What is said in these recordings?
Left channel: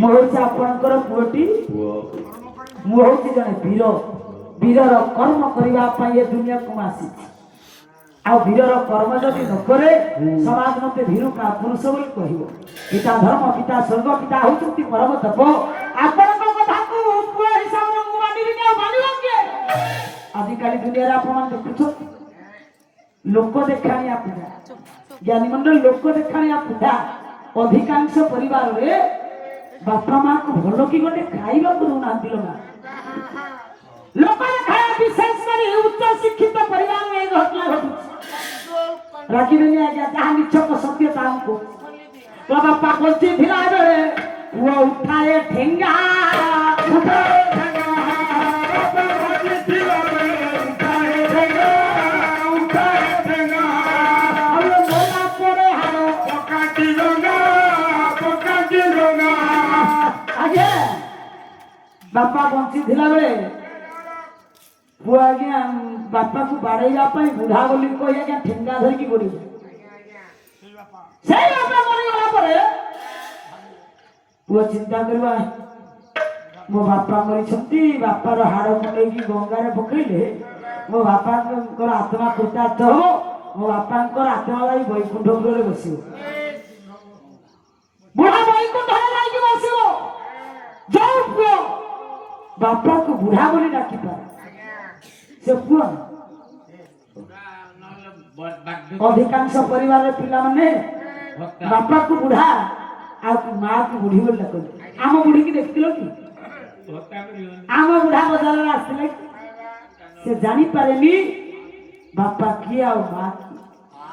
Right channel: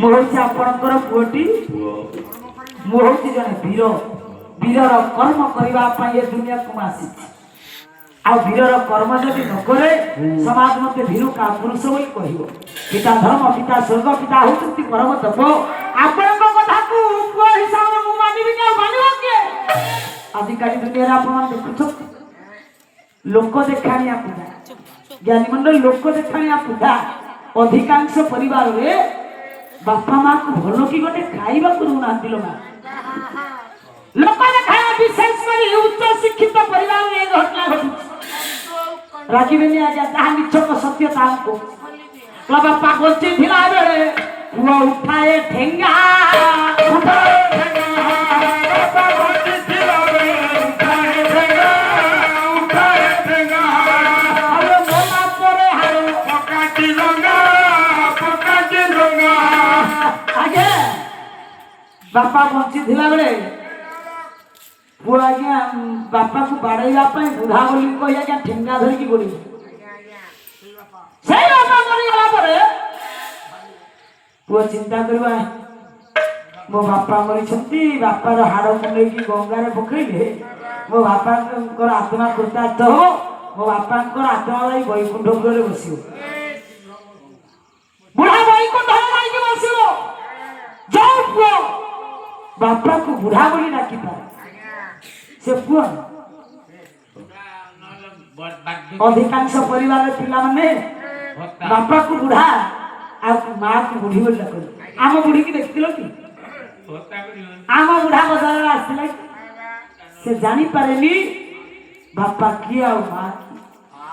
ମୁଁ ହଉଛି ଆପଣଙ୍କର ପୁଅଟି। ମୁଁ ହଉଛି ଜଣେ ବୀର। ବୀରର କର୍ମ କରିବା ପାଇଁ ଏ ଦୁନିଆକୁ ମୁଁ ଆସିଛି। ଆଉ ବୀରର କର୍ମ ଯଦି ନ କରେ ସମାଜ ମତେ ଭୀରୁ କାପୁରୁଷ ବୋଲି କହିବ। ପିତା ଧର୍ମ, ପିତା ସ୍ୱର୍ଗ, ପିତା ହଉଛନ୍ତି ପରମ ତପ। ଆପଣଙ୍କ କଥାକୁ ପୁଅ ହିସାବରେ ମୁଁ ମାନିବିନି, ଆଉ ମାନିବ କିଏ? ଆଜିକାଲି ଦୁନିଆରେ ଆପଣ ଦେଖୁଛନ୍ତି ଲୋକ ଦେଖାଣିଆ ପୂଜା, ଜ୍ଞାନୀ ମଣ୍ଡଳୀ ଲୋକ ଦେଖାଣିଆ ପୂଜା। ଅଧିକାଂଶ ପରିବାରରେ ବାପା ମାକୁ ଭଲ କି ଗୋଟେ ଖାଇବାକୁ ଦଉନାହାନ୍ତି। ଲୋକ ଦେଖାଣିଆ, ବିଶେଷ କରି ଉଚ୍ଚ ଶିକ୍ଷିତ ପରିବାରରେ এই ଘଟଣା ଘଟୁଛି। ରାଗିବେନି ଆଜ୍ଞା, ଯାହା ନିଛକ ସତ୍ୟ ତାହାକୁ ବାପା ବଞ୍ଚି ଥିଲା ବେଳେ ପୁଅ ଉଠାଏ ଠେଙ୍ଗା, बापा बंची बेले पुआ आज्ञा बापा को बाड़ेगा बुढ़ा बोली कही आज्ञा ठेंगा धरिकी गोड़ी पुआ चिंता करवा मो बापा मरी बापार हाड़ मुंडे गंगार पकड़े मो बापा आत्मा कृतार्थ हो मो बापा आत्मा भाई वैकुंठ बस बुढ़ा वैकुंठ बस जो पुआ बापा को बुढ़ा बोली डाकी पाए से पुआ अधिकांश परिवार पिला माने बापा को बुढ़ा आ माँ को बुढ़ी बोली डाक आम बुढ़ी की देखथिलो कि आम बुढ़ा बजार आसला से जानी पारेनी बापा किए आ माँ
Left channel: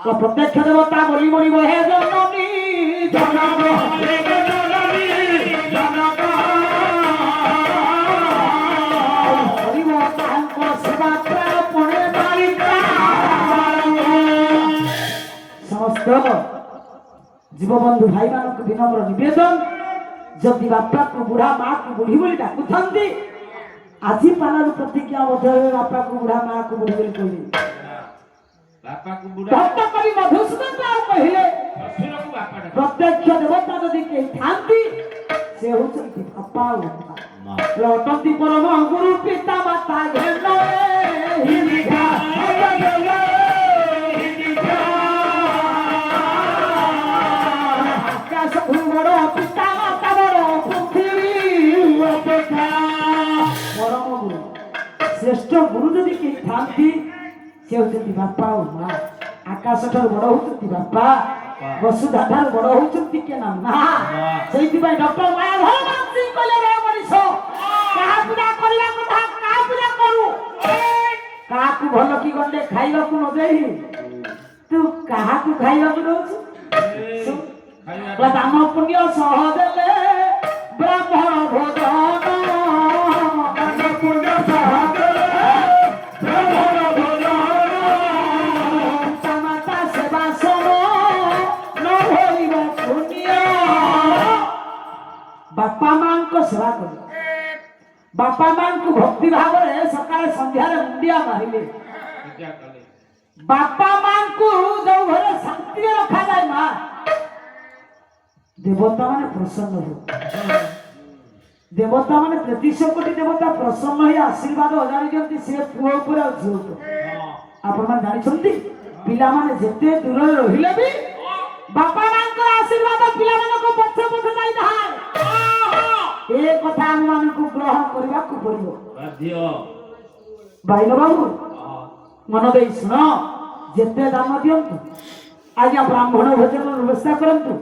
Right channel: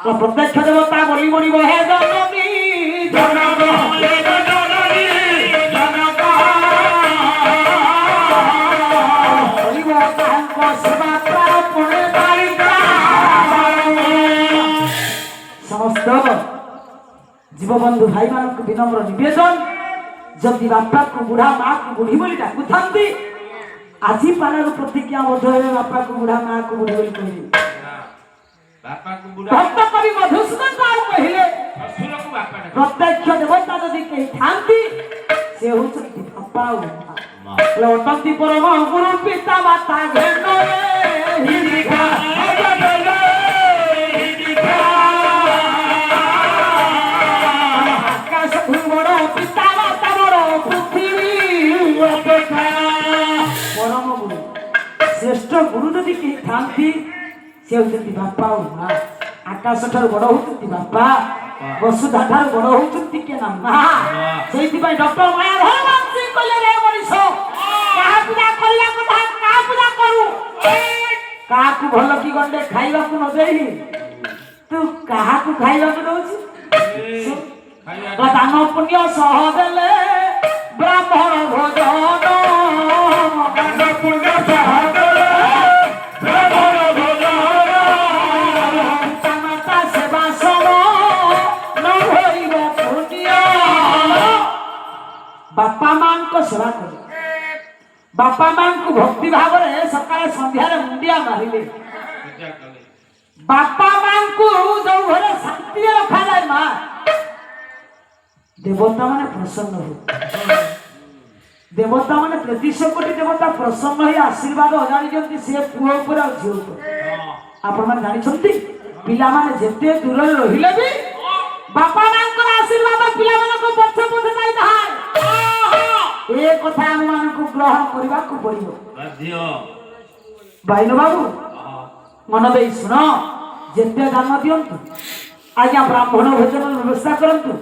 तो प्रत्यक्ष देवता बोली बोली हे जननी जननी जीवबंधु भाई मान विनम्र निवेदन जदि बापा को बुढ़ा माँ को बुढ़ी बोली डाकु आज पालर प्रतिज्ञा बापा को बुढ़ा माँ को बुढ़ी बोली कहले भक्त कवि मधुसूदन कहले प्रत्यक्ष देवता जदि कही थांती से होचंती बापा लौटंती परम गुरु पिता माता घेरे हिरिका श्रेष्ठ गुरु जदि कही थांती से होचंती बापा और माँ आकाश ठार बड़ होचंती बापा वसुधा ठार बड़ होचंती के ना माँ सेति भाई डॉक्टर माया हो मानसी कहले रे मनीष काहा पूजा करिया कथा काहा पूजा करू काहा को भलो की गंडे खाइबा को न देही तू काहा को खाइबा को दोछु दान पुण्य सह देले ब्राह्मण भोजन दान पुण्य सह बापा मां को सेवा कर बापा मां को भक्ति भाव रे सकाळे संध्या रे मुंडिया मारिले बापा मां को जो घरे शांति रखा जाए मां देवता माने प्रसन्न हो देवता माने 33 कोटी देवता प्रसन्न हो आशीर्वाद अजाणी जंती से पुओ ऊपर आ झियो ऊपर आपण माने जानि छंती पिला माने जेते दूर रहिले भी बापा मां को आशीर्वाद पिला माने को पछ पछ जाई धाय ए कथा हम मान को ग्रहण करबा को पड़ियो भाई बाबू मन दे सुनो जेते दान दियंतु आज्ञा ब्राह्मण भोजन व्यवस्था करंतु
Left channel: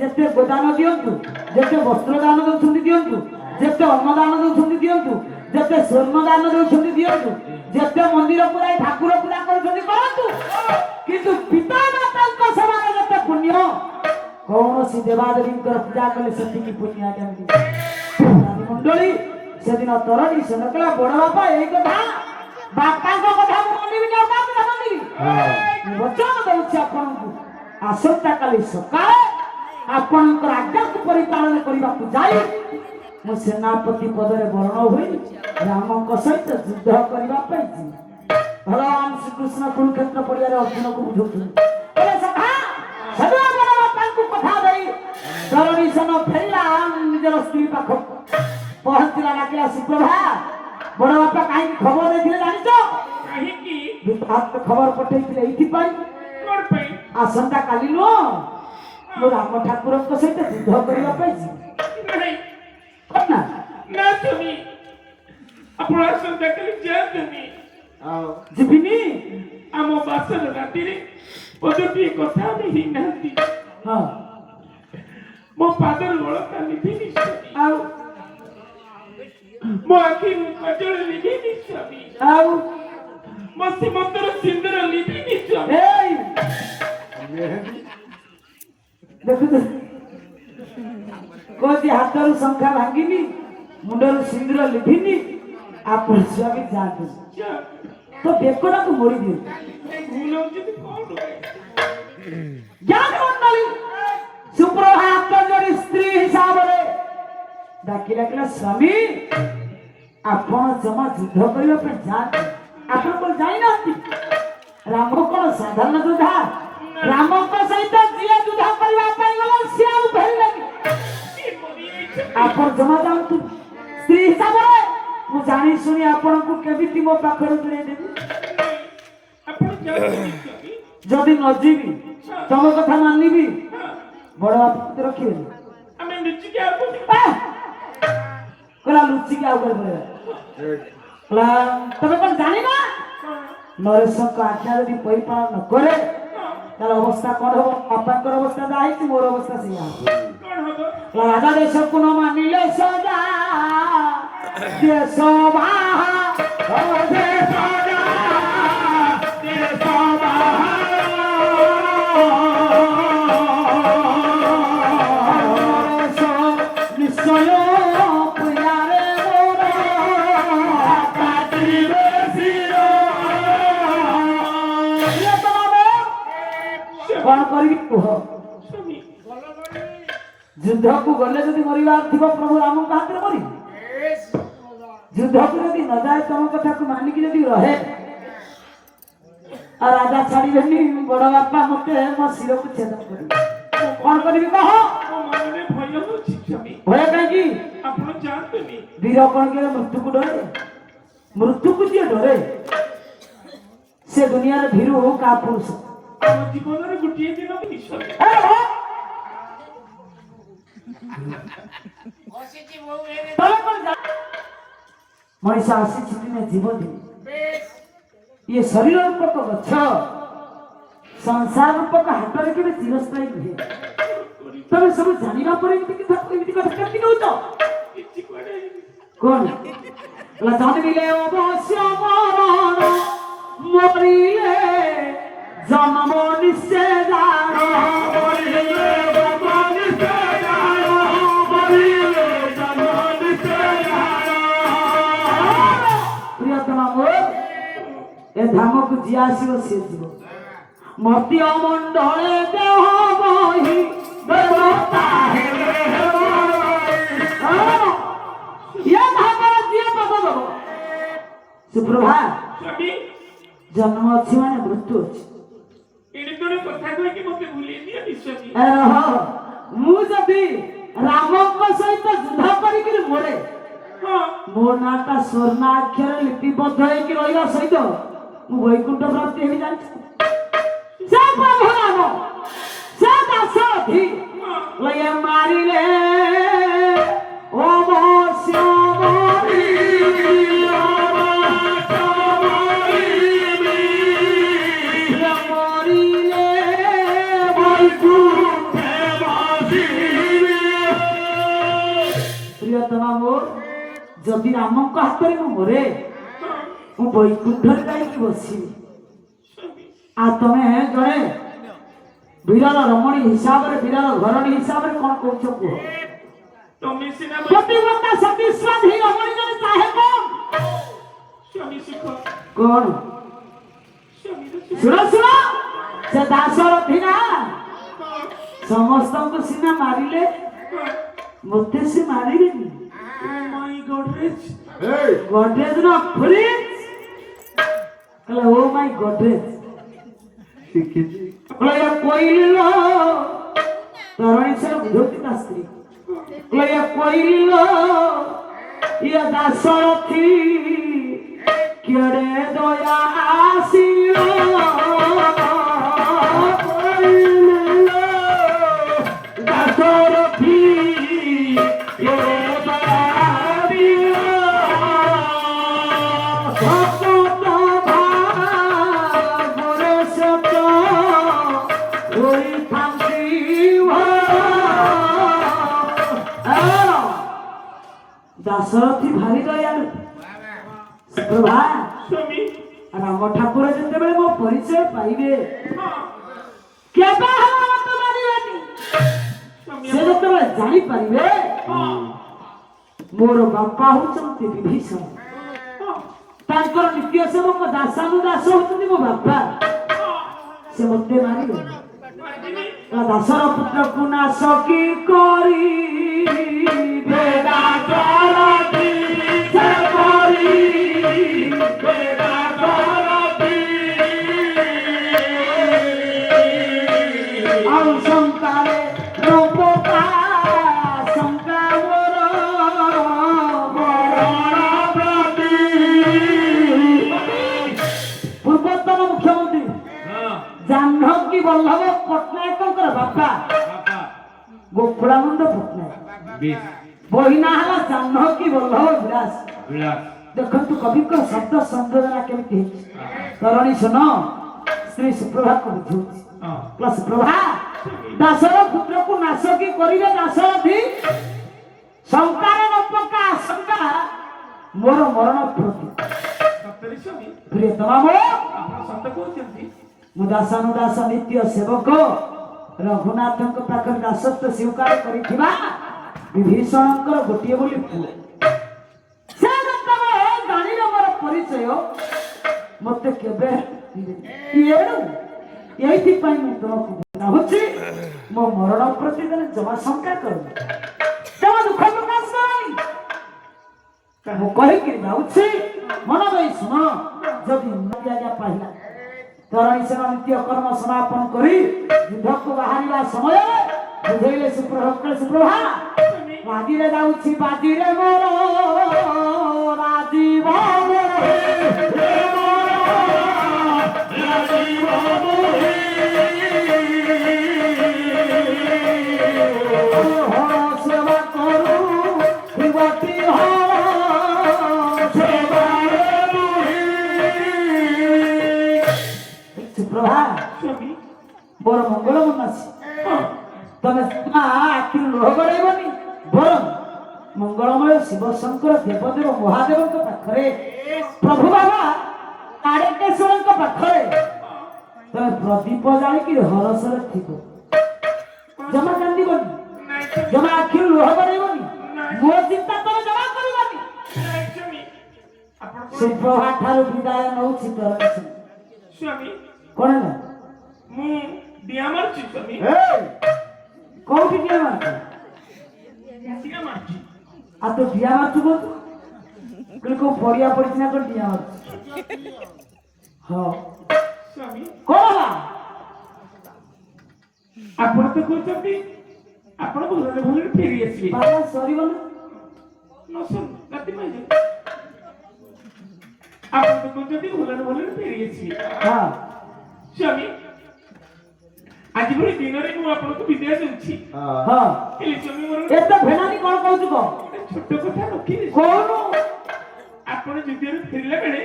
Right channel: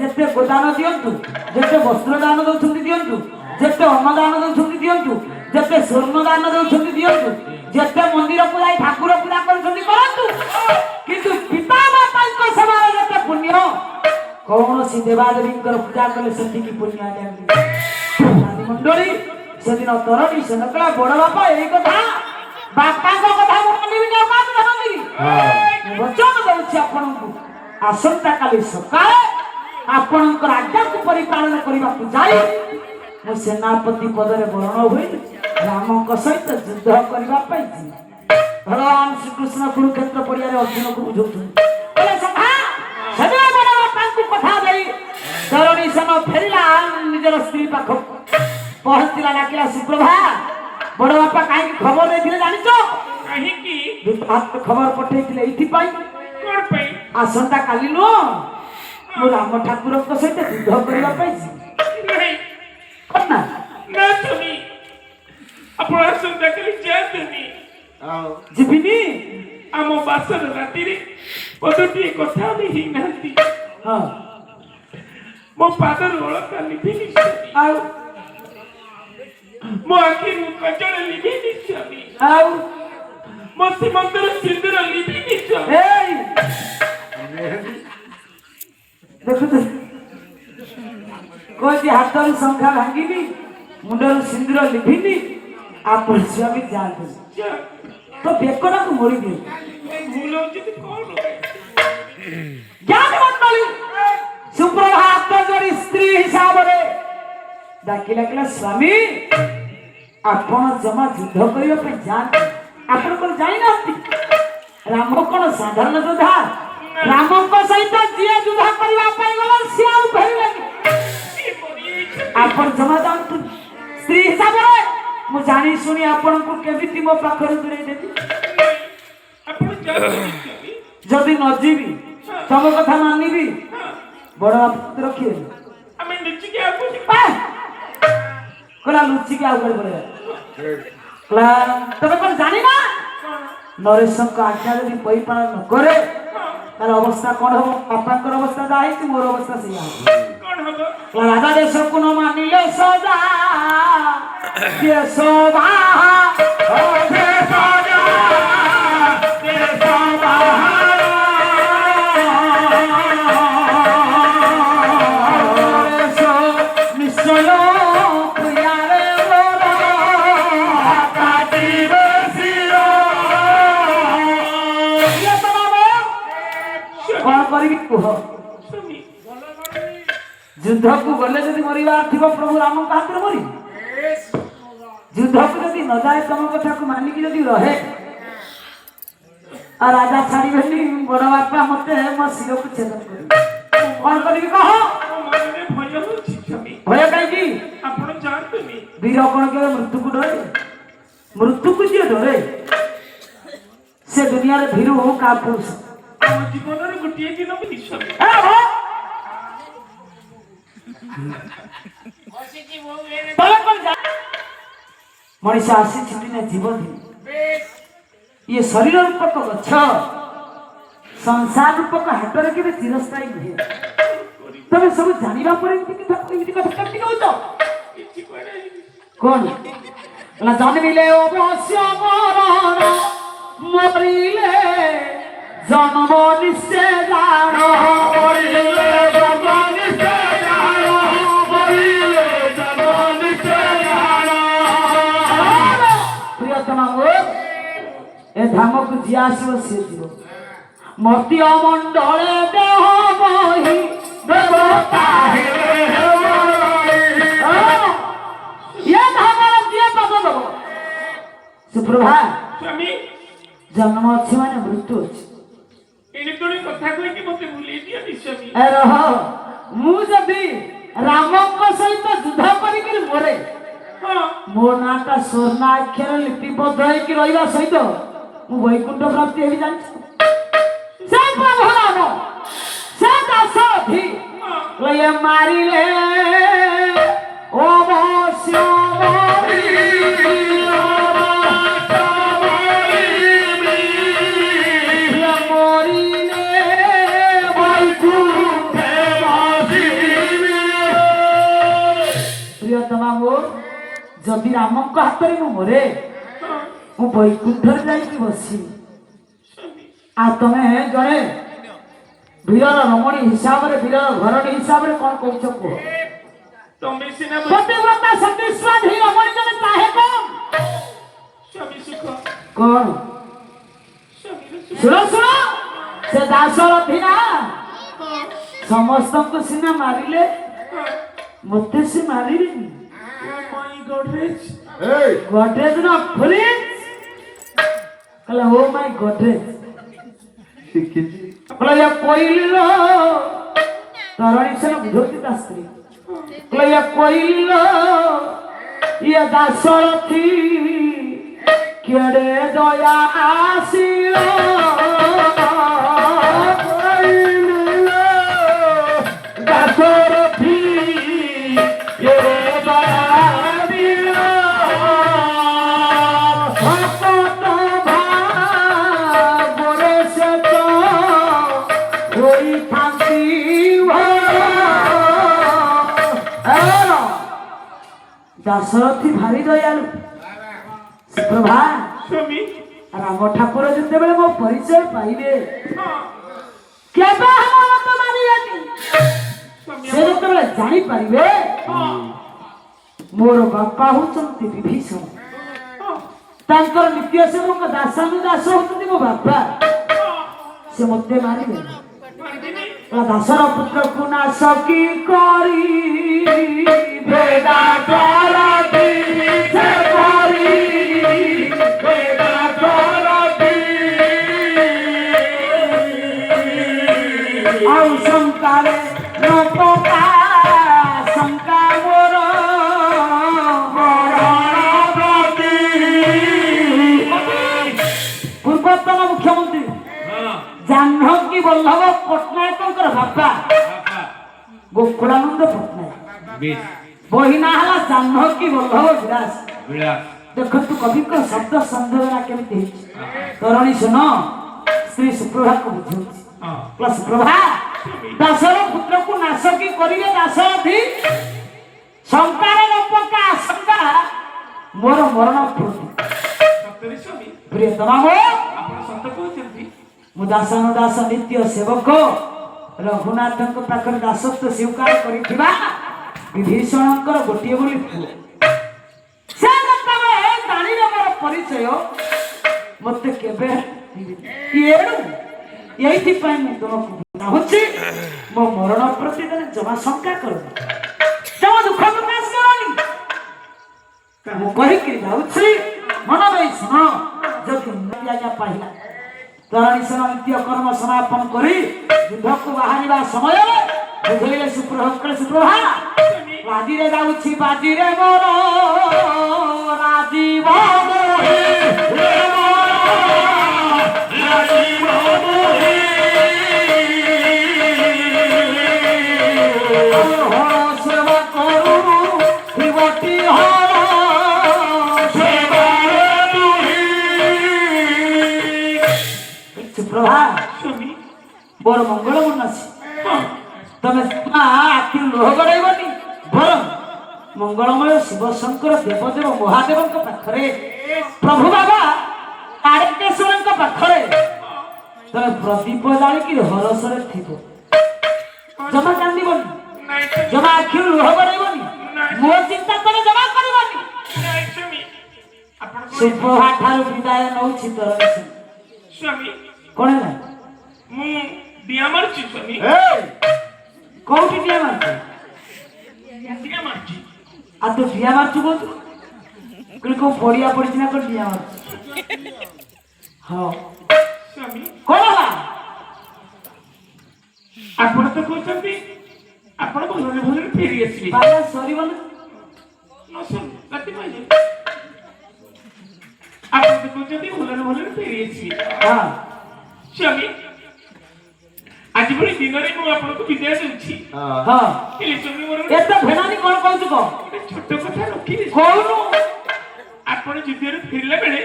जेते गोदान दियंतु जेते वस्त्र दान दउछंती दियंतु जेते अन्न दान दउछंती दियंतु जेते स्वर्ण दान दउछंती दियंतु जेते मंदिर को जाई ठाकुर पूजा करछंती करंतु किंतु पिता माता को सेवा जेते पुण्य कौन सी देवादेवी पूजा कले सेति की पुण्य आज्ञा मंडली से दिन तरणी से नकला बड़ बापा यही कथा बापा को कथा मानिबी न बात मानिबी वचन दउछि आपनकु आसंता काली सकाळे आपनकर आज्ञा को परिपालन करिबा को जाई मो सेनापति पदरे वर्ण होई राम को सहित युद्ध करिबा पाई भगवान श्री कृष्ण कुरुक्षेत्र पड़िया रे अर्जुन को बुझौथि ए सखा सदा बड़ बापा को कथा देई तरणी सन फेरिला ପହଞ୍ଚିଲା ଡାକିଲା ସୁପ୍ରଭା ବଡ଼ ବାପା କାହିଁକି ଖବର ଦେଇଥିଲେ ଜାଣିଛ? କାହିଁକି? ଖବର ପଠେଇଥିଲେ ଏଇଥିପାଇଁ କଣ ପାଇଁ? ଆସନ୍ତା କାଲି ନୁହଁ ମୁଁ ରାମ ଠାକୁରଙ୍କ ସହିତ ଯୁଦ୍ଧ କରିବା ପାଇଁ ଯିବି। ନାହିଁ କଣ ନା ନା ସ୍ୱାମୀ, ଆପଣ ଆସନ୍ତା କାଲି ଯାଆନ୍ତୁନି। ଯିବିନି। ଆମ ବାସର ରାତିରେ ପଦଟିଏ କଥା ଆମେ ହେଇନାହାନ୍ତି। ହଁ ମୋ ପାଦର ଅଳକା ଲିଭିନି ସ୍ୱାମୀ, ଆଉ ମୋ ଆଖିରୁ କଜଳ ଲିଭିନି ସ୍ୱାମୀ, ଆଉ ମୋ ସୀମନ୍ତର ସିନ୍ଦୁର ଲିଭିନି ସ୍ୱାମୀ। ଏଇ ଦେଖୁଛ କହୁଛି ହାତରୁ ଶଙ୍ଖା ଭାଙ୍ଗିନି ମୁଣ୍ଡରୁ ସିନ୍ଦୁର ଲିଭିନି ଆପଣ ସ୍ୱାମୀ ଯାଆନ୍ତୁ ତ ବେକଟାକୁ ମୋଡ଼ି ଦିଅ। ଭୁଲ ହଉଛି ତ କଣ? ଜ୍ଞାନ ମଣ୍ଡଳୀ ସୁପ୍ରଭାତ ଜଣେ ସ୍ତ୍ରୀ ହିସାବରେ ଡାକି ଡାକିଲା ସ୍ୱାମୀ ଆପଣ ଜମା ଯୁଦ୍ଧ କରିବା ପାଇଁ ଯାଆନ୍ତି। ଆପଣଙ୍କର ଯାଇନାହାନ୍ତି? ରାମ କଣ ସାଧାରଣ ଯୋଦ୍ଧା? ରାମଙ୍କ ସହିତ ଯିଏ ଯୁଦ୍ଧ କରିବା ପାଇଁ ଗଲା ସିଏ ଆଉ ଫେରିଲେନି। ଆପଣ ଜମା ଯାଆନ୍ତୁ। ସ୍ତ୍ରୀ ହିସାବରେ ମୁଁ ଜାଣି ଶୁଣି ଆପଣଙ୍କୁ କେମିତି ମୋ ପାଖରୁ ଦୂରେଇ ଦେବି? ଆପଣ ଯାଆନ୍ତୁନି ସ୍ୱାମୀ। ଯଦି ନ ଯିବି ତମ କଥା ମାନିବି ବଡ ବାପା ରଖିବେ ଆମେ ଲୁଚିକି ଆଗକୁ କହିଲା ଲୁଚିକି ଆଉ କୁଆଡେ ପଳେଇବା। କହିଲା ତମେ କଣ ଜାଣିନା ନରେଶଙ୍କ ଆଜ୍ଞା ଯଦି ପରିପାଳନ ନ କରେ ତାର ଅବସ୍ଥା କଣ ହବ? ବାପାଙ୍କର ଅବସ୍ଥା ଯାହା ହେଇଛି ମୋର ଅବସ୍ଥା ସେଇଆ ହବ। କଣ ହବ? ରାଜା ଦେଶକୁ ନ ମାନିଲେ ସଦା ଦେଶ ନିଶ୍ଚୟ କଣ କରିବି କୁହ? ଯୁଦ୍ଧକୁ ଗଲେ ଯଦି ମରିବାର ଥିବ ପ୍ରଭୁ ରାମଙ୍କ ହାତରେ ମରିବି। ଯୁଦ୍ଧକୁ ଯଦି ନ ଯାଏ ତମ କଥାକୁ ମାନିକି ଯଦି ରହେ ଆଉ ରାଜା ଛାଡ଼ିବେନି ବଡ ବାପା ମତେ ମୋ ଶିରକୁ ଛେଦ କରିବେ। କଣ କରିବି କହ? ମନରେ ଭୟ ହଉଛି ସ୍ୱାମୀ। ଭୟ କାହିଁକି? ଆପଣ ଯାଆନ୍ତୁନି। ବୀର କଣ କେବେ ମୃତ୍ୟୁକୁ ଡରେ? ମୃତ୍ୟୁକୁ ଯିଏ ଡରେ ସେ ଦୁନିଆରେ ଭୀରୁ କା ପୁରୁଷ। ଆମ ଜୀବନର ଗୋଟିଏ ଦିନ ବି ସ୍ୱାମୀ। ମଣିଷ ଆସିଛି ଦିନେ ଜୀବନ ଇଏ ଶରୀର ରୂପକ ଗଛ ସଂସାର ରୂପକ ହାଟରେ କେବେ ଚିରସ୍ଥାୟୀ ନୁହେଁ। ତମେ ସବୁ ଜାଣିବା ପରେ ଏମିତି କଥା କେମିତି କହୁଛ? କଣ ହେଲା? ଜନ୍ମିଲେ ଅବଶ୍ୟ ମରଣ ମରିଲେ ଜନ୍ମ ନିଶ୍ଚୟ ଜାଣ। ଏ ଧାମକୁ ଯିଏ ଆସିବ ସିଏ ଯିବ। ମର୍ତ୍ତ୍ୟ ମଣ୍ଡଳେ ଦେହ ବହି ଦେବତା ହେବେ ଇଏ ଧାମରେ ଯିଏ ପାଦ ଦେବ। ସୁପ୍ରଭା ସ୍ୱାମୀ ଜନ୍ମ ଅଛି ମାନେ ମୃତ୍ୟୁ ଅଛି। ଏଣେ ତେଣେ କଥା କହିକି ମତେ ଭୁଲେଇ ଦିଅନି ସ୍ୱାମୀ। ରହ ମୁଁ ଯଦି ରାମଙ୍କ ସହିତ ଯୁଦ୍ଧ କରିକି ମରେ ମୋ ନାଁଟା ସ୍ୱର୍ଣ୍ଣ ଆକ୍ଷର ଲିପିବଦ୍ଧ ହେଇକି ରହିବା ସହିତ ମୁଁ ବୈକୁଣ୍ଠ ପ୍ରାପ୍ତି ହେବି ଜାଣିଛ? ସେ ପ୍ରଭୁ ରାମ ସେ ଦାଶରଥୀ ମାରିଲେ ଅବଶ୍ୟ ଯଦି ରାମଙ୍କ ହାତରେ ମୁଁ ମରେ ମୁଁ ବୈକୁଣ୍ଠରେ ଯାଇକି ବସିବି। ଆଉ ତମେ ଜଣେ ବୀରର ରମଣୀ ହିସାବରେ ବୀରର ଘରଣୀ ହିସାବରେ କଣ କହୁଛ କୁହ? ତମେ ସିନା ପ୍ରତିବ୍ରତା ସତୀସ୍ୱାଧୀ ରମଣୀ ଜଣେ ଚାହେ କଣ? ସ୍ୱାମୀ ସୁଖ। କଣ? ଶୁଣ ଶୁଣ ସେ ଦାଶରଥୀ ନା ସମସ୍ତଙ୍କୁ ସିନା ମାରିଲେ ମତେ ସେ ମାରିବେନି। Godrej. Godrej na fridge. Kala oh my Godrej. Kala ya koilo. Tarani se na budhoti tasri. Kala ya koilo. ଇଏ ଦାଶରଥୀ କେଡ଼େ ଦୟା ଆସିବ ଦାଶରଥୀ କେଡ଼େ ଦୟା ଆସିବ ଭକତ ଭାଗର ସତ ହୋଇଥାନ୍ତି ଦାଶରଥୀ ଭାରି ଦୟାଳୁ ପ୍ରଭା ସ୍ୱାମୀ ରାମ ଠାକୁର ଯେତେବେଳେ ମୋ ପରିଚୟ ପାଇବେ କେବେ ହେବ ମତେ ମାରିବେନି ସେ ଯେତେବେଳେ ଜାଣିପାରିବେ ମୋର ବାପା ହଉଛନ୍ତି ବିଭୀଷଣ ତାଙ୍କର ନିତ୍ୟ ସେବକ ଦାସାନୁଦାସ ହଉଛନ୍ତି ମୋ ବାପା ସେ ମତେ ମାରିବେ ଦାସର ପୁତ୍ରକୁ ନାଶ କି କରି ଆଉ ଶଙ୍କାରେ ନପକା ଶଙ୍କା ମୋର ପୂର୍ବତନ ମୁଖ୍ୟମନ୍ତ୍ରୀ ଜାହ୍ନବୀ ବଲ୍ଲଭ ପଟ୍ଟନାୟକଙ୍କର ବାପା ଗୋକୁଳାନନ୍ଦ ପଟ୍ଟନାୟକ ବହିନା ହେଲା ଜାହ୍ନବୀ ବଲ୍ଲଭ ବିଳାସ ଦେଖନ୍ତୁ କବିଙ୍କ ଶବ୍ଦ ସଂଯୋଜନା କେମିତି ହେଇଛି ତରଣୀ ଶୁଣ ଶ୍ରୀ ସୁପ୍ରଭାକୁ ବୁଝଉଛି ସୁପ୍ରଭା ଦାସର ପୁତ୍ରକୁ ନାଶ କି କରିବେ ଦାଶରଥୀ ଶଙ୍କାରେ ନପକା ଆଶଙ୍କା ମୋର ମରଣ ପ୍ରତି ପ୍ରିୟତମା ମୁଁ ଦାସାନୁଦାସ ନିତ୍ୟ ସେବକ ରଘୁନାଥଙ୍କ ପାଖରେ ଦାସତ୍ୱ ସ୍ୱୀକାର କରିଥିବା ବିଭୀଷଣଙ୍କର ଗୋଟିଏ ବୋଲି ପୁଅ ସେ ଯେତେବେଳେ ଜାଣିଲେ ମୋର ପରିଚୟ ମତେ କେବେ ଏଣୁ ଏଇଥିପାଇଁ ମୁଁ ତୁମକୁ ଚାହୁଁଛି ମୋ ମରଣ ପ୍ରତି ତମେ ଜମା ଶଙ୍କା କରୁନି ଜମା ଦୁଃଖ ପ୍ରକାଶ କରନି ମୁଁ କହିକି ଯାଉଛି ମନ ଦେଇ ଶୁଣ ଯଦି ଉନ୍ନତି ଆଜ୍ଞା ପାଇଲା ତରଣୀ ସେନା ନିତ୍ୟ କର୍ମ ସମାପନ କରି ଯୁଦ୍ଧକୁ ବାହାରିବା ସମୟରେ ବୁଝେଇଲେ ସୁପ୍ରଭା ରାଜିରେ ଯାଉଛି ବାଜିରେ ମୋର ରାଜୀବ ହର ସେବ କରୁ ଶିବଟି ସୁପ୍ରଭା ମୋର ମଙ୍ଗଳ ମନାସି ତମେ ଆଖିରୁ ଲୁହ ଗଡ଼ାଇବନି ବରଂ ମଙ୍ଗଳମୟ ଶିବ ଶଙ୍କର ଦେବଦେବ ମହାଦେବଙ୍କ ପାଖରେ ପ୍ରଭୁ ବାବା ତାରକେଶ୍ୱରଙ୍କ ପାଖରେ ତମେ ପ୍ରଦୀପ ଜାଳିକି ହରସରେ ଥିବ ଜମା କାନ୍ଦିବନି ଜମା ଆଖିରୁ ଲୁହ ଗଡ଼ାଇବନି ମୋ ଚିନ୍ତା ତମେ ଜମା କରିବନି ସୁପ୍ରଭା ଠାରୁ ବିଦାୟ ନଉଛି ତୋର ସ୍ୱାମୀ କଣ ହେଲା ମୁଁ ଦିଆ ମାରୁଛି ସ୍ୱାମୀ କୋଉଠି ଦିଆ ମାରୁଛୁ ଦିଆ ମାରୁଛି ଆଉ ତୁ ଦିଆ ମାରୁଛୁ କହୁଛୁ କହିଲି କୋଉ ପଡିଆ ପଡିଛି ନା କୋଉ ଦିଆ ମାରୁଛୁ ହଁ ସ୍ୱାମୀ କଣ ହେଲା ଆପଣ ତ କହୁଛନ୍ତି ଆପଣ ଭଲରେ ଭଲରେ ଫେରି ଆସିବେ ବାବା ସରିବ ନା ରାତି ପାଇଲେ ଆପଣ ତ କହୁଛନ୍ତି ଭଲରେ ଭଲରେ ଫେରି ଆସିବେ ହଁ ସ୍ୱାମୀ ଆଜି ଭଳି ଦିନରେ ମୁଁ ଆପଣଙ୍କୁ ବିଦାୟ ଦେଉଛି ହଁ ହେଲେ ସ୍ୱାମୀ ମୋର ଏତେ ଭେଣାନି କଣ କହୁଛୁ କହ ଛୋଟ କଥା ରଖିଲି କହୁନୁ ଆପଣ ଯୁଦ୍ଧରେ ଫେରିଲା ବେଳେ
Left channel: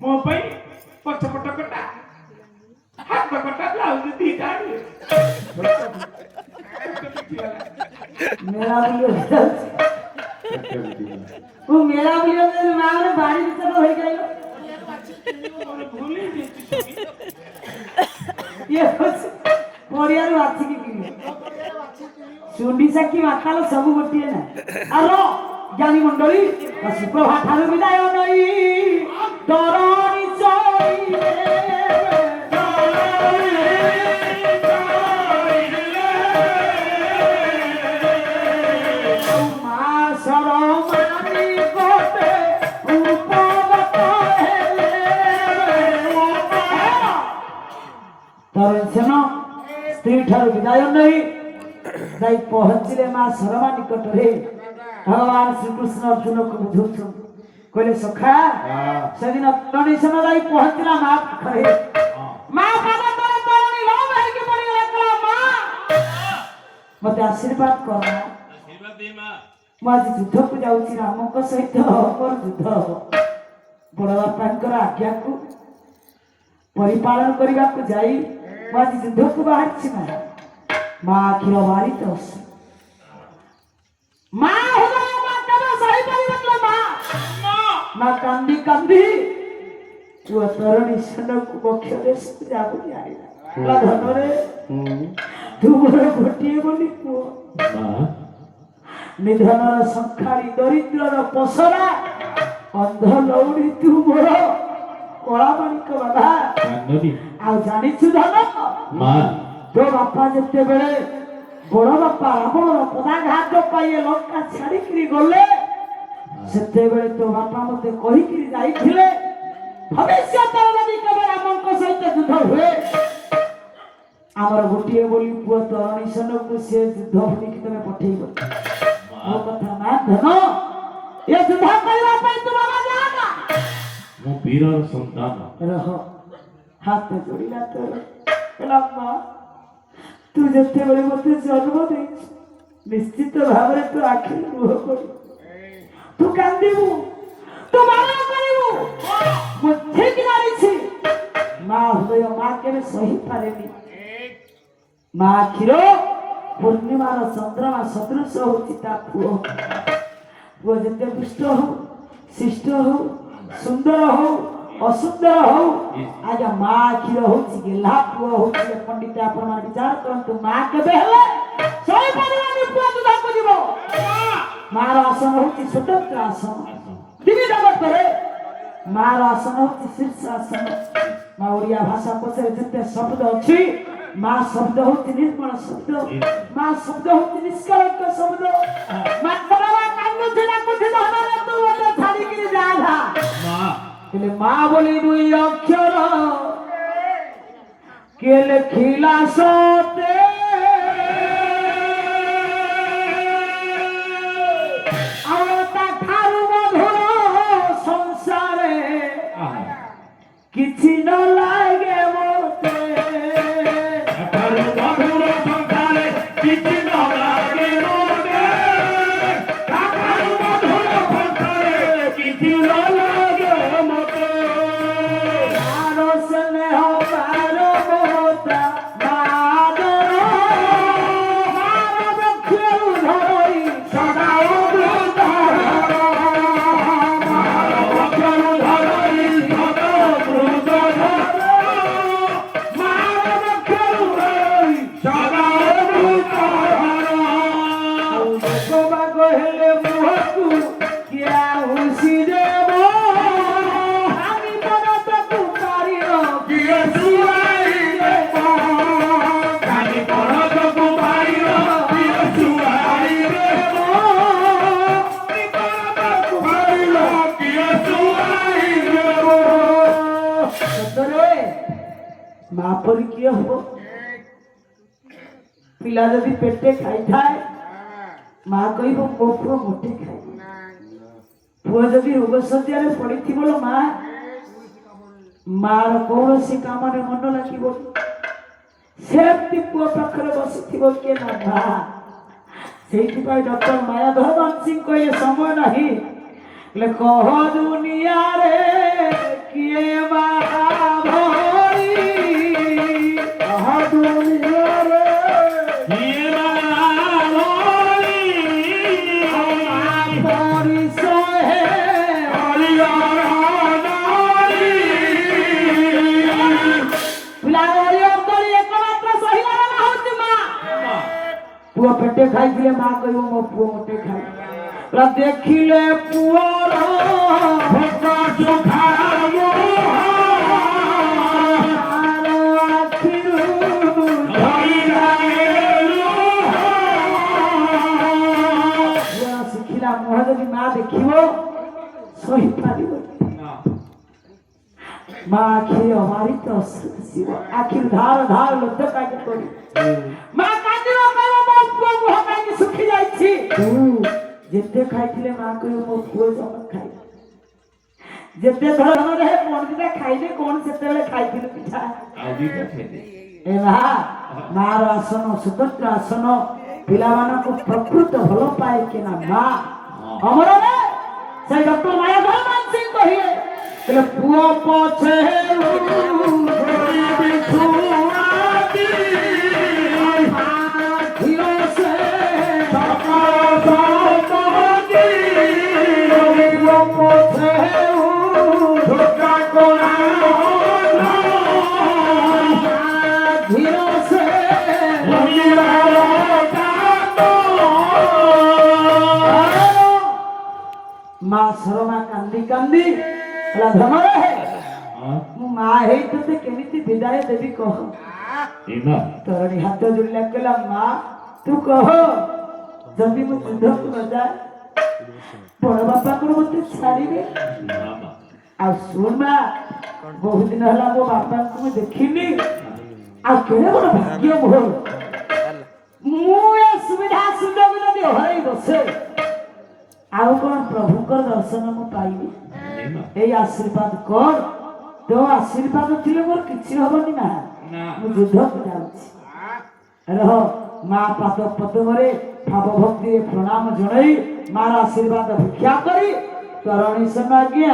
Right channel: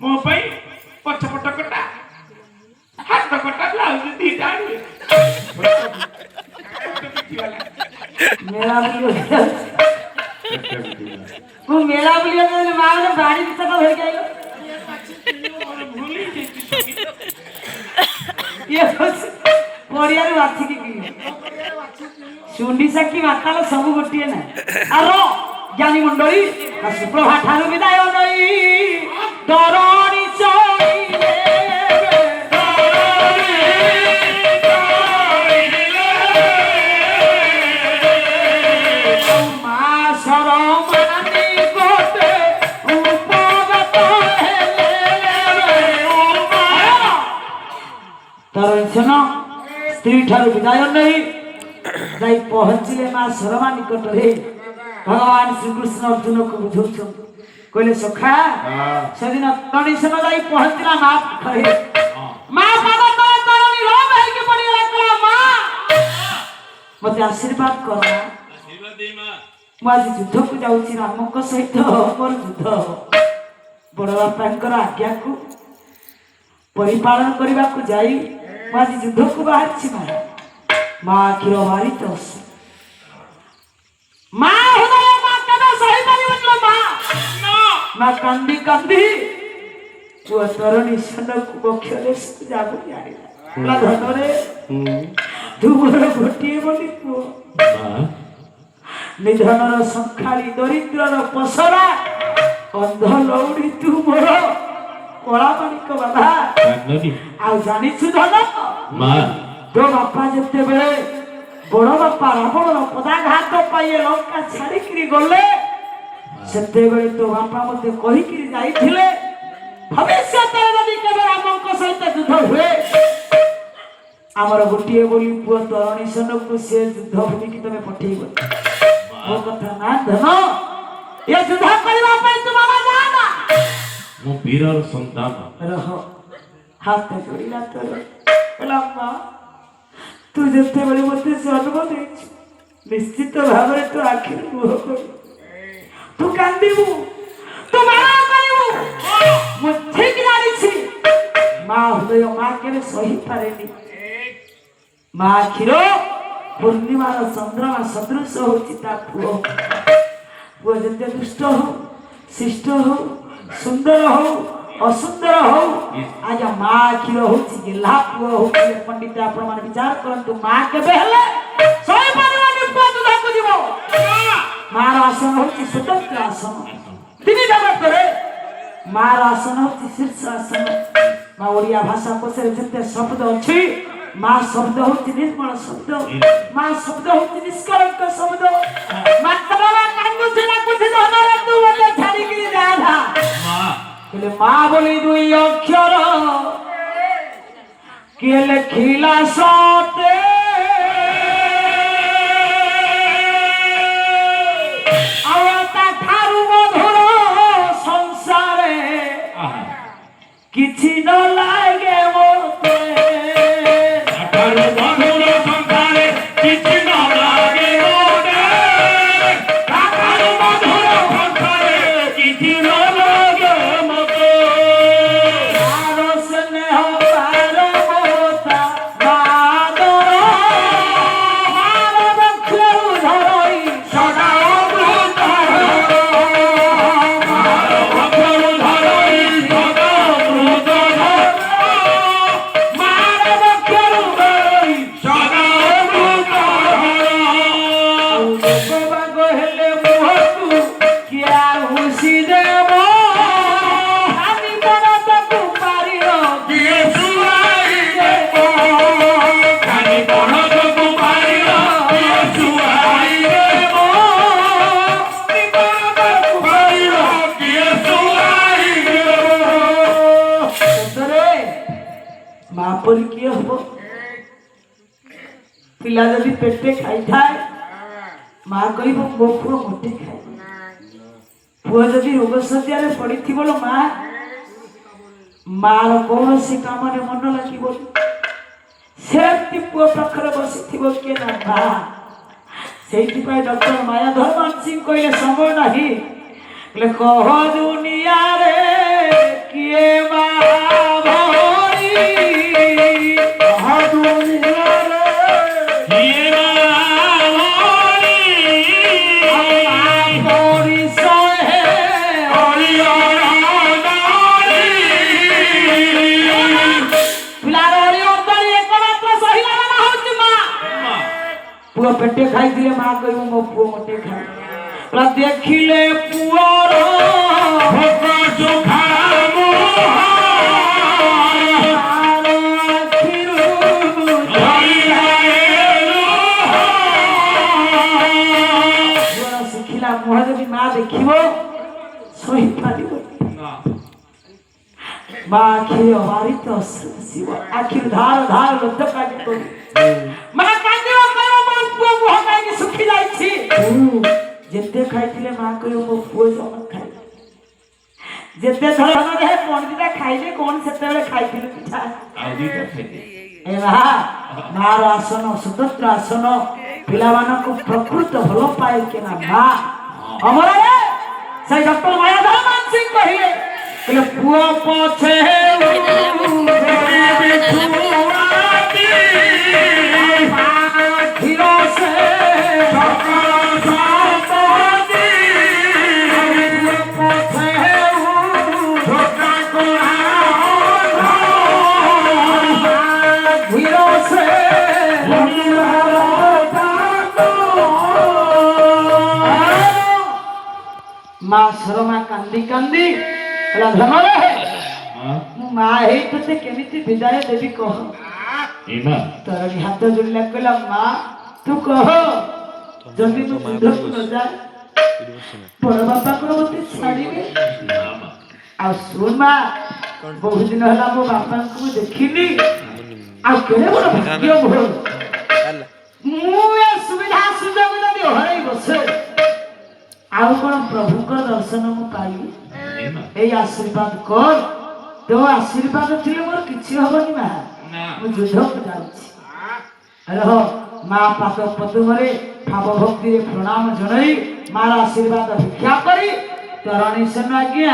ମୋ ପାଇଁ ପଛପଟ କଟା ହାତ କଟା ବ୍ଲାଉଜ ଦିଟା ଆଣିବେ मेला बुलियो तू मेला बुलियो ने मारे बाड़ी भीतर हो गयो ये पड़िया रे वाथी की सुंडी सखी वाताल सब गोटिए ना आरो ज्ञानी मंडली सुप्रभा ठारू विदाय नई दरणी चई स्त्री ठारू विदाय नहीं जाई पहुंचले मां शर्मा निकट रे भगवान श्रीकृष्ण अर्जुन को बुझौछन कहले सखा सेदिन तणीसन जाई पहुंचला नाथ कहे मां बाबा तोरा तोरनी रो भाई के पड़ी रखला मां मते आशीर्वाद कर आशीर्वाद दे मां ମୁଁ ଆଜି ଯୁଦ୍ଧକୁ ଯାଉଛି ରାମଙ୍କ ସହିତ ମୋର ଯୁଦ୍ଧ ବଡ଼ ବାପାଙ୍କର ଆଜ୍ଞାକୁ ପରିପାଳନ କରିବାକୁ ଯାଇ ମୁଁ ଆଜି ଯୁଦ୍ଧକୁ ବାହାରିଛି ମା ଆଖିର ବାରିତ ମା ହୃଦୟ ମା କେବେ ସହିପାରିବନି ମା କାନ୍ଦି କାନ୍ଦି ପୁଅ ତରୁଣୀ ସନକୁ ବକ୍ଷ ଦେଶକୁ ଯାଉଛି ଆଣିଲା ଧନରେ ତୁ ମୋର ଗୋଟିଏ ବୋଲି ପୁଅ निधनर संखाली दरिद्रर पसरा अंध लौड़ी तू मोर कला माणिक बाबा आ जानिछु धन तो बापा जेते बेले बड़ बापा रावणर पदाघात पाइए लंका छाड़िकी गले सेते बेले तो बापा मते कहिकी जाइथिले भविष्य यदि केवल रामक सहित युद्ध हुए आमर गोटे बोली पुओ तरुणी सेनकु से युद्ध भूमि की तमे पठेइबो वो कथा ना धनो ये युद्ध करला पे तुम्हारा जाना मो वीरर संतान रहो हाथ जोड़िला तो लम्बा तू जते बेले मते जन्म दे निश्चित भाव रे तो आखिर मुह कर तू कांदिबू तू मारा करिबू मो ठीक लागी छी मां हृदय मां के सही पारेनी मां आखिरो पूर्णिमार चंद्रमा सदृश होची ता पुओ वो जते दुष्ट हो शिष्ट हो सुंदर हो असुंदर हो आज मां आखिरो होची गेला पुओ होची पंडित आपण मान विचार करंतु मां केबे हले सही परिवानी पुओ दुधा को जीवो मां आसन होची स्वतंत्र आसन तिनी जगत रे मां आसन होची शीर्ष आसन मां ओडिया भाषा कोसे जते शब्द अछि मां शब्द होती निर्मल शब्द मां शब्द होती निष्कलंक शब्द मां बाबा कांगु सेना कुछ धनरे तू मते छाड़ी के जा था मां केले मां बोली दुई अक्षर केले खिला सोते आवता थारु मधुर संसारे किछि न लागे मोते मापन किए हो पिला जदि पेटे खाई थाए मां कहबो मो पुओ मोटे खाए पुओ जदि रोग सज्जा रे पड़ी थी बोलो मार कौनसी काम ने मन लागिबो सेति पुओ पाखरे बसी थिबो के ना भा सेति पाई डॉक्टर माया धर्मान सिंह कहले समय नाही ले कह दुनिया रे किए बा पुओ पेटे खाई दिले मां कहबो मो पुओ मोटे खाए ला देखिले पुओर भोका चोखा शिखिला मोह जदि मां देखिबो सही पारिबो मां आखिर हमारी तो शिव आखिर धार धार लब्ध काटी तो मां काटियो सुखी जाई छी ଯେତେ ଖାଇଥିଲେ ମା କହିବ ମୋ ପୁଅ ଜମା ଖାଇ ଯେତେ ଥର କଣ ଦିଟା ଖାଇଲେ କଣ ସେତେବେଳେ ଖାଇଥିଲେ ପିଠା ଆଉ ଦିଟା ଖାଇଦେ ଏ ମାର ଆସନ ସ୍ୱତନ୍ତ୍ର ଆସନ ପିଲାମାନଙ୍କୁ ପ୍ରକୃତ ଭଲ ପାଏ କିନା ମା ଆମର ସେଇ ଡକ୍ଟର ମାୟାଧର ମାନ ସିଂ କହିଲେ ପୁଅ ପଛେ মা শরমা কান্দি কান্দি ମୁଁ ମା ହେଇ ତତେ କେମିତି ବିଦାୟ ଦେବି କହ ତରଣୀ ହାତ ଯୋଡ଼ିଲା କହିଲା ମା ତୁ କହ ଯଦି ମୁଁ ଯୁଦ୍ଧକୁ ନ ଯାଏ ବଡ଼ ବାପାଙ୍କର ମତେ ଛାଡ଼ିବେ ଆଉ ଶୁଣ ମା ବହୁତ ଦିନ ହେଲା ମୋ ବାପାଙ୍କୁ ମୁଁ ଦେଖିନି ଆଉ କେଡ଼େ ବଡ଼ ଭାଗ୍ୟ ମୋର ମୁଁ ଏ ସୁବିଧା ସୁଯୋଗ ଯଦି ହରେଇ ବସେ ଆଉ କଣ ପ୍ରଭୁଙ୍କର ଦର୍ଶନ ମୁଁ ପାଇବି ଏଇ ଆଶୀର୍ବାଦ କର ତୋ ଆଶୀର୍ବାଦ ଥିଲେ ମୋର କିଛି ହବନି ମା ମୁଁ ଯୁଦ୍ଧକୁ ଯାଉଛି ରହ ମା ପାଦ ପଦ୍ମରେ ଭାବ ଭକ୍ତିରେ ପ୍ରଣାମ ଜଣାଇ ମାର ଆଶୀର୍ବାଦ ଭିକ୍ଷା କରି ତରଣୀ ସେନ ଆଜ୍ଞା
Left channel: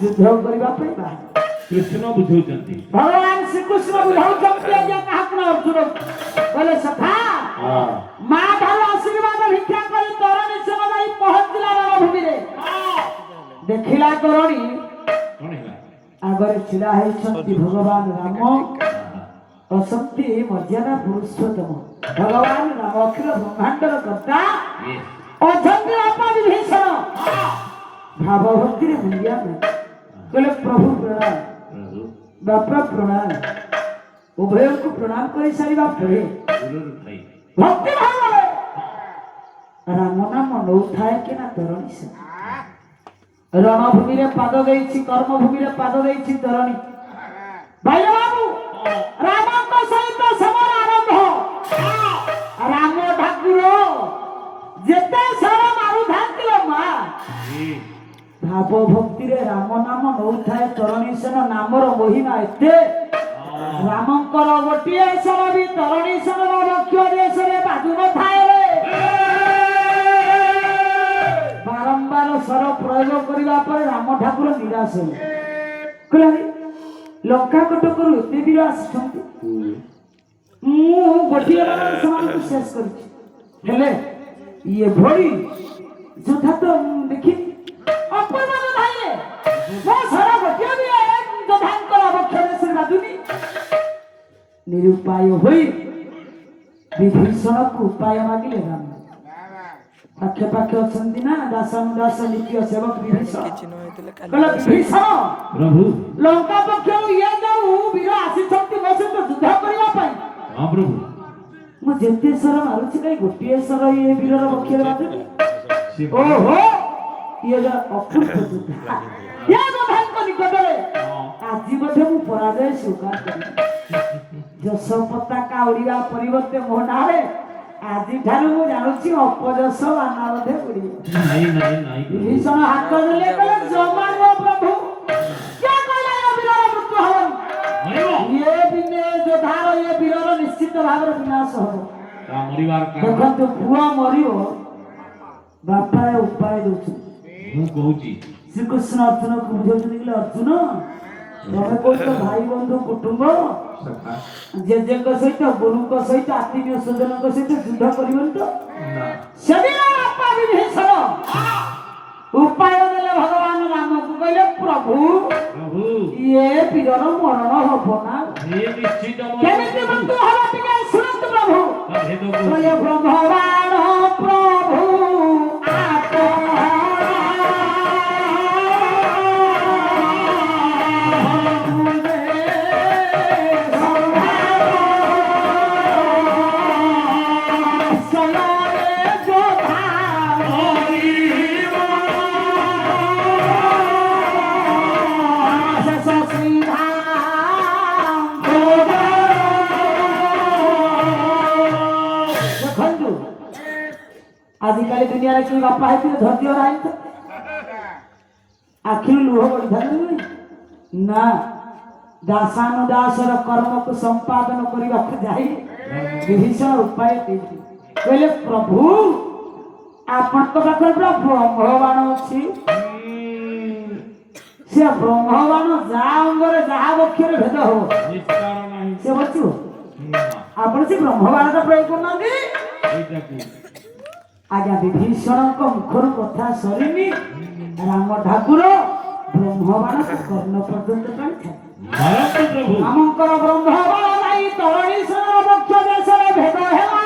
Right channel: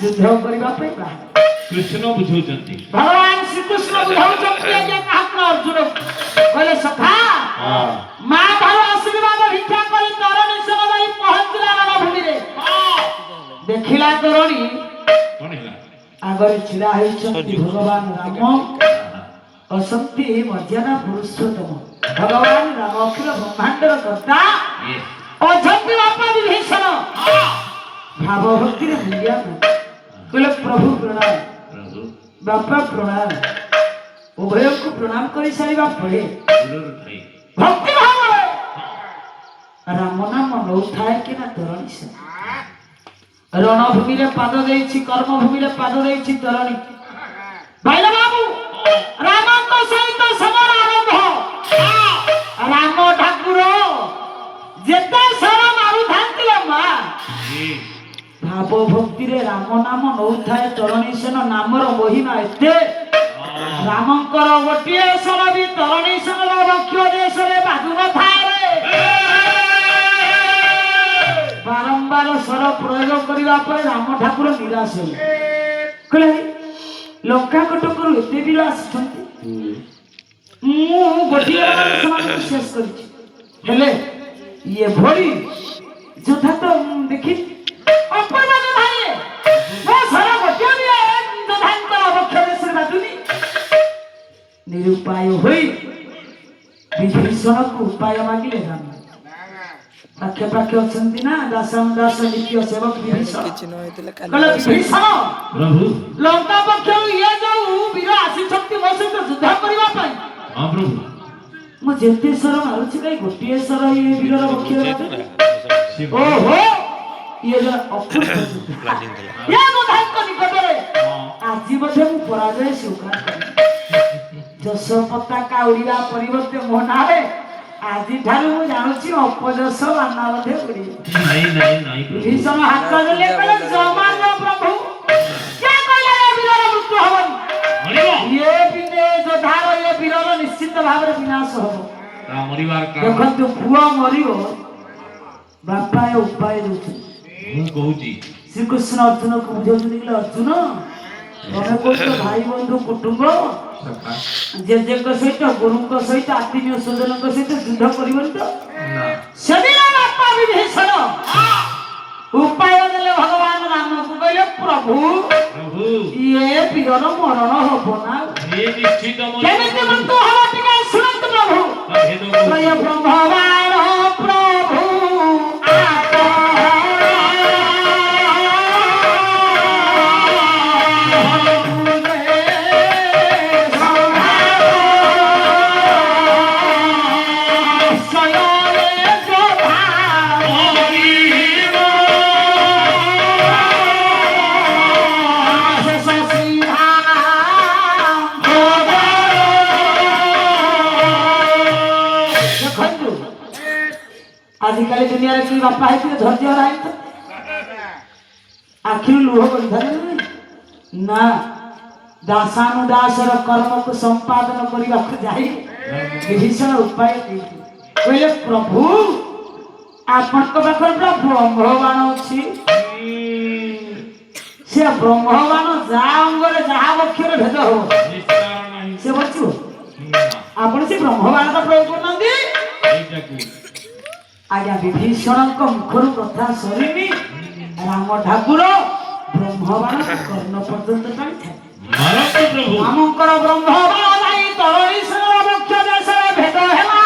ଯୁଦ୍ଧ କରିବା ପାଇଁ ବାହାରେ କୃଷ୍ଣ ବୁଝଉଛନ୍ତି ଭଗବାନ ଶ୍ରୀକୃଷ୍ଣ ବୁଝାଉଛନ୍ତି ଆଜ୍ଞା କାହାକୁ ଅର୍ଜୁନ କହିଲେ ସଖା ମା ଠାରୁ ଆଶୀର୍ବାଦ ଭିକ୍ଷା କରି ତରଣୀ ସେନ ଯାଇ ପହଞ୍ଚିଲା ରଣଭୂମିରେ ଦେଖିଲା ତରଣୀ ଆଗରେ ଛିଡ଼ା ହେଇଛନ୍ତି ଭଗବାନ ରାମ ଅଛନ୍ତି ମର୍ଯ୍ୟାଦା ପୁରୁଷୋତ୍ତମ ଭଗବାନ ରାମ ଅଖିଳ ବ୍ରହ୍ମାଣ୍ଡର କର୍ତ୍ତା ଅଛନ୍ତି ବାପା ବିଭୀଷଣ ଭାବ ଭକ୍ତିରେ ଭୁଲିଆ କହିଲେ ପ୍ରଭୁ ପ୍ରଣାମ ବାପା ପ୍ରଣାମ ଉଭୟଙ୍କୁ ପ୍ରଣାମ କରି ସାରିବା ପରେ ଭକ୍ତି ଭାବରେ ରାମ ନାମ ନଉଥାଏ କି ନା ତରଣୀ ସେ ରଣଭୂମିରେ ପାଦ ଦେଇଛି କର୍ମଭୂମିରେ ପାଦ ଦେଇଛି ତରଣୀ ଭାଇଲ ବାବୁ ରାମଙ୍କ ସହିତ ସମାନ ଆରମ୍ଭ ରାମ ଠାକୁର ଯେତେ ସର ମାରୁଥାନ୍ତି ମା ଭାବ ଭକ୍ତିରେ ରାମ ନାମ ନଉଥାଏ ତରଣୀ ସେନ ନାମର ମହିମା ଏତେ ରାମଙ୍କର ଗୋଟିଏ ସର ବି ତରଣୀ ସେନର ବକ୍ଷ ଦେଶରେ ବାଜୁ ନଥାଏ ବାରମ୍ବାର ସ୍ୱର ପ୍ରୟୋଗ କରିବା ପରେ ରାମ ଠାକୁର ନିରାଶ ହେଲେ କହିଲେ ଲଙ୍କା କଟକରୁ ଏତେ ବୀର ଆସିଛନ୍ତି ମୁଁ ଗୋଟିଏ ସେମାନଙ୍କୁ ଶେଷ କରିଛି ହେଲେ ଇଏ ଭଳି ଯୋଦ୍ଧା ତ ଦେଖି ନିରୁପାୟ ହୋଇ ବିଭୀଷଣକୁ ଉପାୟ ମାଗିଲେ ରାମ ପାଖେ ପାଖେ ଅଛନ୍ତି ନା ଦାସ ନିତ୍ୟ ସେବକ ବିଭୀଷଣ କହିଲେ ବିଭୀଷଣ ପ୍ରଭୁ ଲଙ୍କା ପକ୍ଷରୁ ଇଏ ଯୋଉ ବୀର ଆସିଛନ୍ତି ମୋ ସହିତ ଯୁଦ୍ଧ କରିବା ପାଇଁ ପ୍ରଭୁ ମୁଁ ଯେତେ ସ୍ୱର ମାରୁଛି କାଇଁ ଗୋଟିଏ ସ୍ୱର ଇଏ ବୀରର ପକ୍ଷରେ ବାଜୁନି ଓହୋ ଇଏ ଜଣେ ଅପୂର୍ବ ଯୋଦ୍ଧା ଏ ଯୋଦ୍ଧାଙ୍କ ନିକଟରେ ଆଜି ବୋଧେ ମୁଁ ପରାଜୟ ସ୍ୱୀକାର କରିବି ଯଶ ପତାକା ଉଡ଼ିବା ପରିବର୍ତ୍ତେ ମୋ ନାଁରେ ଆଜିଠାରୁ ମୁଁ ଜାଣୁଛି ଅପଯଶ ବାନା ବୋଧେ ଉଡ଼ିବ ଭୀଷଣ ହାତ ଦେଲେ କହିଲେ ଜମା ପ୍ରଭୁ କିଏ କହିଲା ଏ ବୀରର ମୃତ୍ୟୁ ହବନି ଇଏ ବିନେ ଯୋଦ୍ଧାର ଏ ବୀରର ନିଶ୍ଚିତ ଭାବରେ ବିନାଶ ହବ ଦେଖନ୍ତୁ ପୁଅ ମରିବ ବାପା ଏ ଉପାୟ ଦଉଛନ୍ତି ମୁଁ କହୁଛି ଶ୍ରୀକୃଷ୍ଣ ଅର୍ଜୁନକୁ ବୁଝାଉଛନ୍ତି କହିଲେ ଅର୍ଜୁନ ତମେ କହୁଛ ଭାଇ ବନ୍ଧୁ କୁଟୁମ୍ବ ଜେଜେଙ୍କ ସହିତ ଗୁରୁଙ୍କ ସହିତ ଆତ୍ମୀୟ ସ୍ୱଜନଙ୍କ ସହିତ ଯୁଦ୍ଧ କରିବନି ତ ସେଦିନ ବାପା ବିଭୀଷଣ ଉପାୟ ଦେଲେ ଭଗବାନ ରାମକୁ କହିଲେ ପ୍ରଭୁ ଇଏ ବୀରର ମରଣ ହବ ନା କେମିତି ମୃତ୍ୟୁ ହବ ଟିକେ ଶୁଣନ୍ତୁ ପ୍ରଭୁ ଭଗବାନ ପ୍ରଭୁ ଆଜିକାଲି ଦୁନିଆରେ କି ବାପା ହେଇଥିବେ ଧୈର୍ଯ୍ୟ ନାହିଁ ଆଖିରୁ ଲୁହ ବନ୍ଧାରେ ନା ଦାସାନୁଦାସର କର୍ମକୁ ସମ୍ପାଦନ କରିବାକୁ ଯାଇ ବିଭୀଷଣ ଉପାୟ ଦେଇଥିଲେ କହିଲେ ପ୍ରଭୁ ଆପଣଙ୍କ ପାଖରେ ପୁରା ବ୍ରହ୍ମବାଣ ଅଛି ସେ ବ୍ରହ୍ମବାଣ ଯାହା ଅଙ୍ଗରେ ଯାହା ବକ୍ଷରେ ଭେଦ ହବ ସେ ବଞ୍ଚିବ ଆପଣ ସେ ବ୍ରହ୍ମବାଣଟା ପ୍ରୟୋଗ କରୁନାହାନ୍ତି ଆଜ୍ଞା ବିଭୀଷଣଙ୍କ ମୁଖରୁ କଥା ସରିନି ରାମ ଠାକୁର ବ୍ରହ୍ମବାଣ କର୍ଣ୍ଣ ପର୍ଯ୍ୟନ୍ତ ଟାଣିଥାଏ ଆମଙ୍କର ବ୍ରହ୍ମବାଣ ନାଇଁ ତରଣୀଶ୍ୱର ବକ୍ଷ ଦେଶରେ ଭେଦ ହେଲା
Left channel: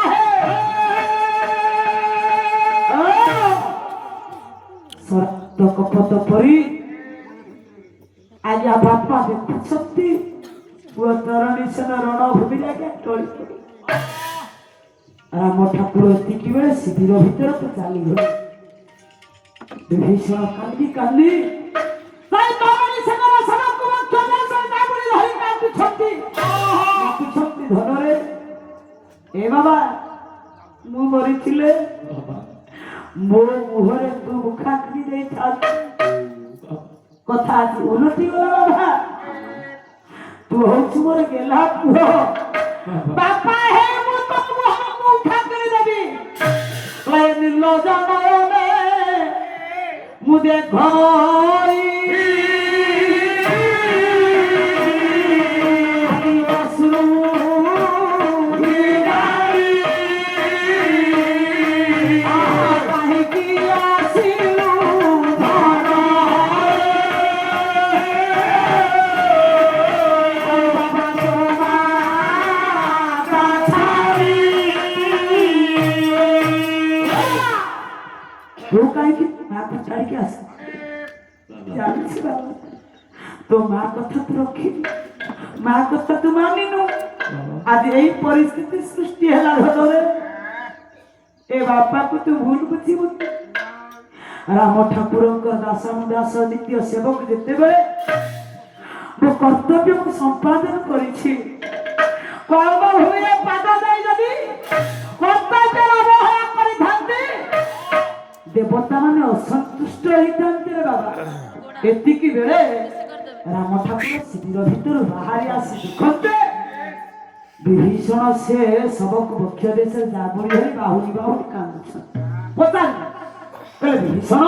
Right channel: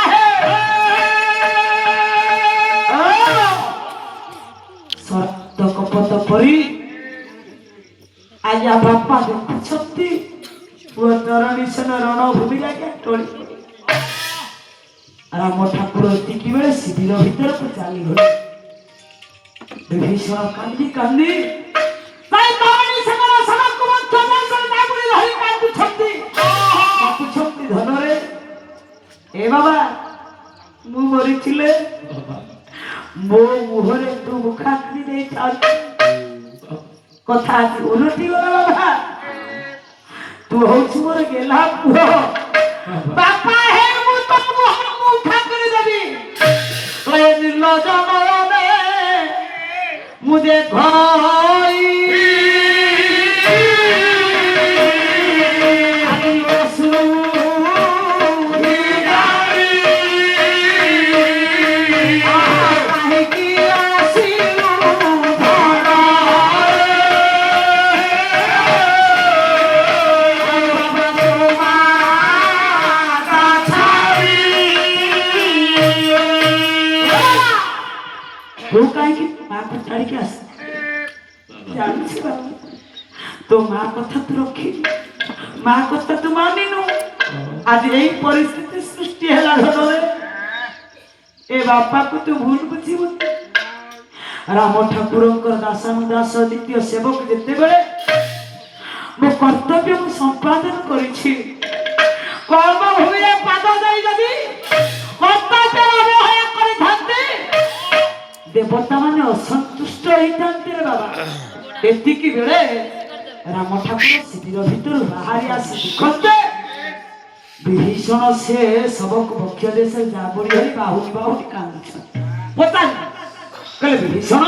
ସତ୍ୟ କପଟ ପରି ଆଜ୍ଞା ବାପା ଦେଖୁଛନ୍ତି ପୁଅ ତରଣୀଶ୍ୱର ରଣଭୂମି ଲାଗେ ଟଳି ରାମ ଠାକୁର ଏତିକି ବେଳେ ଶିବିର ଭିତରକୁ ଚାଲିଗଲେ ବିଭୀଷଣ କାନ୍ଦି କାନ୍ଦି ଧନରେ ଏ ବାବା ମୁଁ ମରିଥିଲେ ମୋ ମୁହଁରେ ତୁ ମୁଖାଗ୍ନି ଦେଇଥାନ୍ତୁ କଥା ଉଲଟି ଗଲା ବାବା ତୁ ହଉଛୁ ମୋର ଗେଲା ପୁଅ ବାପା ହେ ମୁଁ ତ ମୁଖାଗ୍ନି ଦେବି ନିର୍ଲଜ ମୁଁ ଦେଖ तो माँ कथा तू रखी माँ कथा तू मानिनु आज यही परिस्थिति सृष्टि है घरे ए बापा को तू भूल बुझीबु राम ठाकुर दासानुदास द्वितीय सेवक जिते बेले मो कर्तव्य को संपादन करिछि कर्म हुए पाद दई जदी कर्तव्य अवहेला करि थांते देवता माने असंतुष्ट होइतांते रे बाबा एतिकी बेले राम ठाकुर शिविर भीतर बाहरी आसी देखते विभीषण से सबक बक्ष देश जाबड़ी धरी बाहुनी कांदुछ पता कहले विभीषण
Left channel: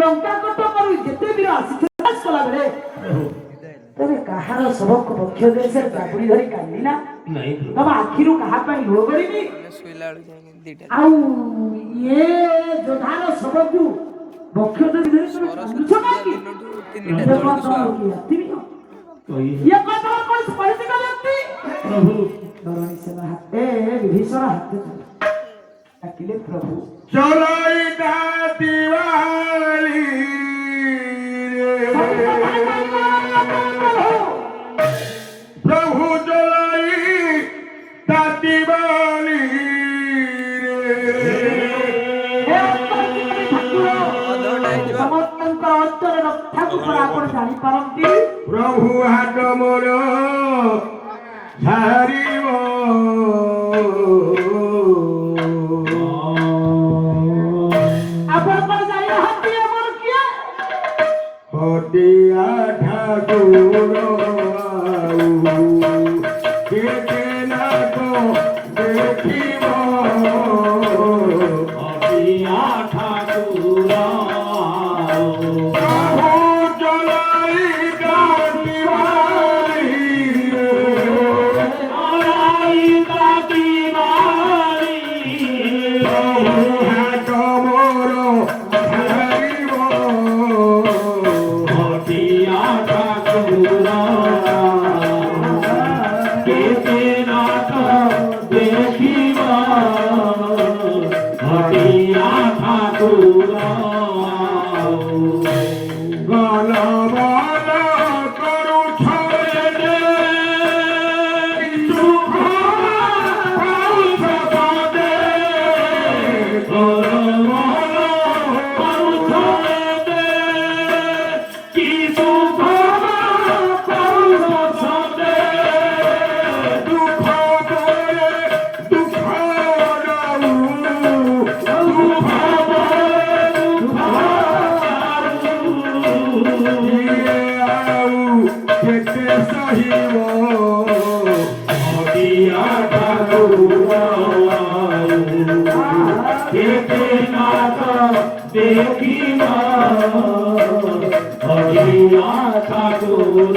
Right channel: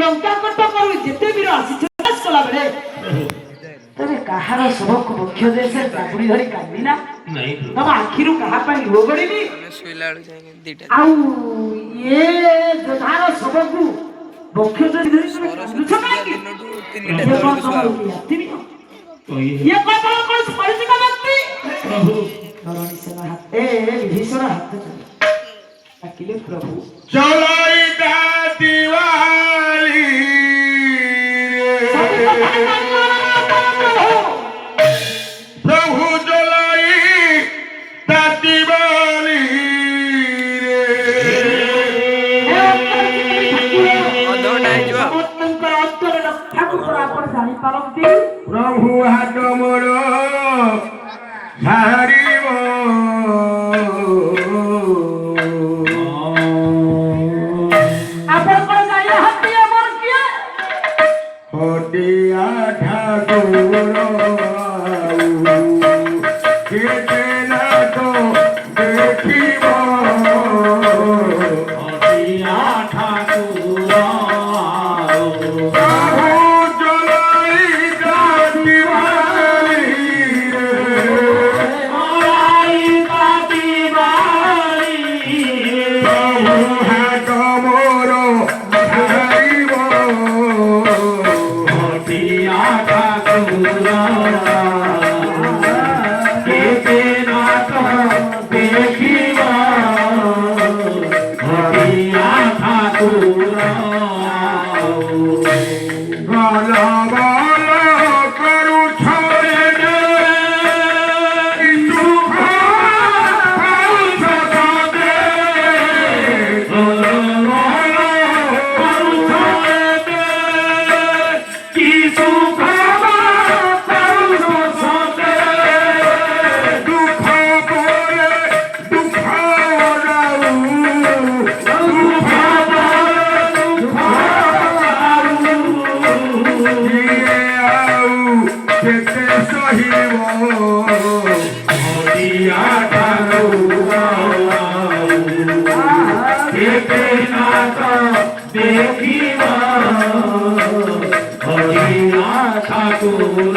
लंका कट कर जेते वीर आसी कला बेले तबे कहार सबक बक्ष देश जाबड़ी धरी कांदी ना नहीं तब आखिरु कहा पई रोगड़ीनी सोइला जाएंगे दीटा आउ ये जोधार सबकु बक्ष देश धरी कांदुछ काकी ये कौन ये कौन परिचित व्यक्ति प्रभु विभीषण हाथ अकेले प्रभु चलाई दा दिवाली प्रभु चलाई दा दिवाली प्रभु हाथ मोर धारिब हटिया ठाकुर देखिब हटिया ठाकुर কেতে সহিব হরিয়া ঠাকুর কেতে নাথ দেখিব হরিয়া ঠাকুর